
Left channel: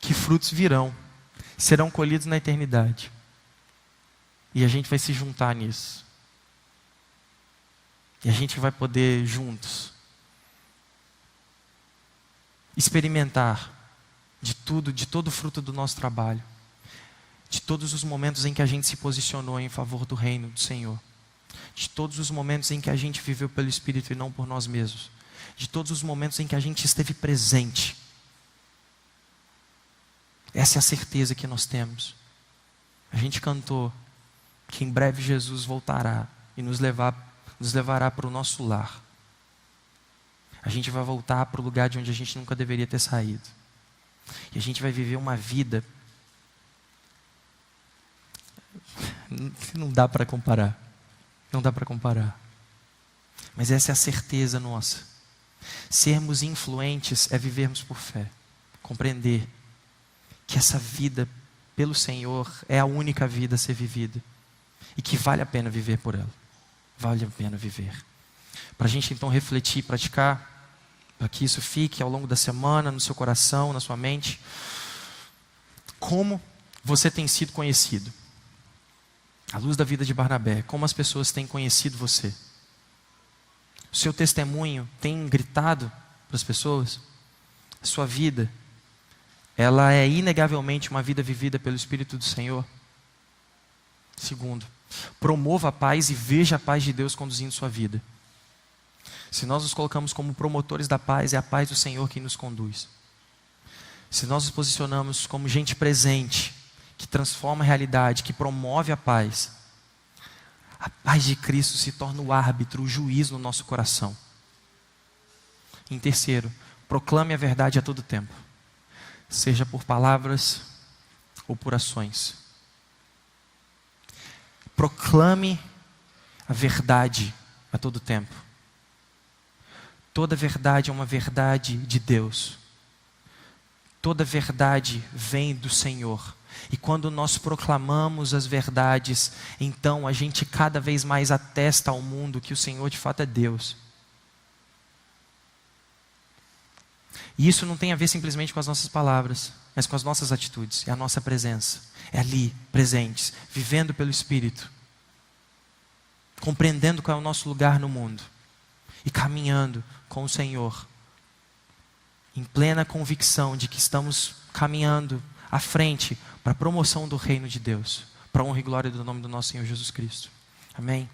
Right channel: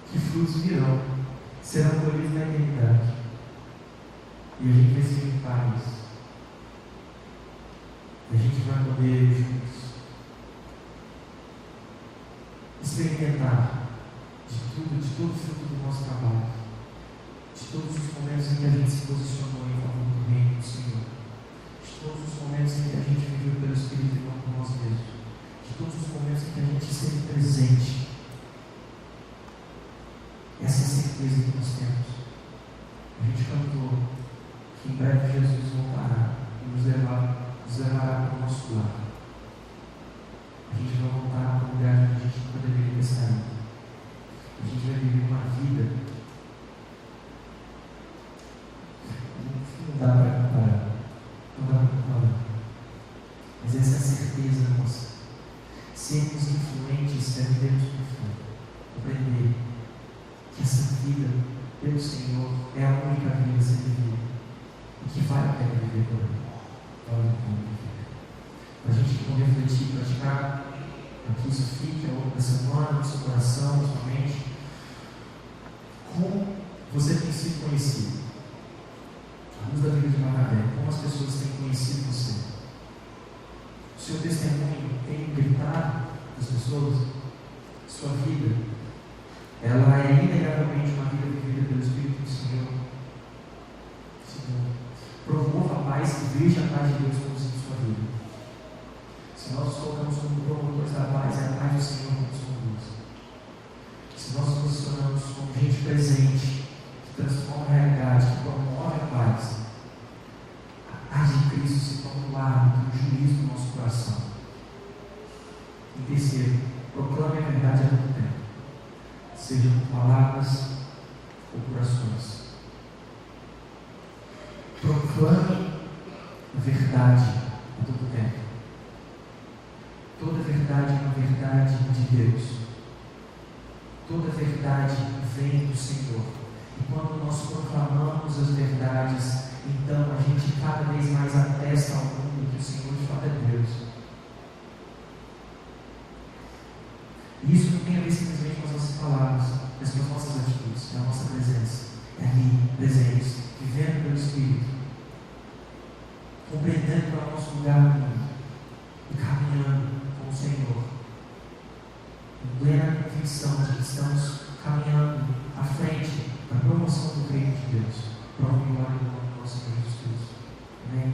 que frutos virão, serão colhidos na eternidade, e a gente vai se juntar nisso, e a gente vai poder juntos experimentar de tudo, de todo o fruto do nosso trabalho, de todos os momentos em que a gente se posicionou em favor do reino do Senhor, de todos os momentos em que a gente viveu pelo Espírito e não por nós mesmos, de todos os momentos em que a gente esteve presente. Essa é a certeza que nós temos. A gente cantou que em breve Jesus voltará e nos levará para o nosso lar. A gente vai voltar para o lugar de onde a gente nunca deveria ter saído, e a gente vai viver uma vida, não dá para comparar, mas essa é a certeza nossa. Sermos influentes é vivermos por fé, compreender que essa vida pelo Senhor é a única vida a ser vivida, e que vale a pena viver por ela, vale a pena viver. Para a gente então refletir, praticar, para que isso fique ao longo da semana, no seu coração, na sua mente. Como você tem sido conhecido? À luz da vida de Barnabé, como as pessoas têm conhecido você? O seu testemunho tem gritado para as pessoas? A sua vida, ela é inegavelmente uma vida vivida pelo Espírito do Senhor? Segundo, promova a paz e veja a paz de Deus conduzindo sua vida. Se nós nos colocamos como promotores da paz, é a paz do Senhor quem nos conduz. Se nós nos posicionamos como gente presente, que transforma a realidade, que promove a paz de Cristo se torna o árbitro, o juiz no nosso coração. Em terceiro, proclame a verdade a todo tempo, seja por palavras ou por ações. Proclame a verdade a todo tempo. Toda verdade é uma verdade de Deus. Toda verdade vem do Senhor. E quando nós proclamamos as verdades, então a gente cada vez mais atesta ao mundo que o Senhor de fato é Deus. E isso não tem a ver simplesmente com as nossas palavras, mas com as nossas atitudes, é a nossa presença. É ali, presentes, vivendo pelo Espírito, compreendendo qual é o nosso lugar no mundo e caminhando com o Senhor, em plena convicção de que estamos caminhando à frente para a promoção do reino de Deus, para a honra e glória do nome do nosso Senhor Jesus Cristo. Amém?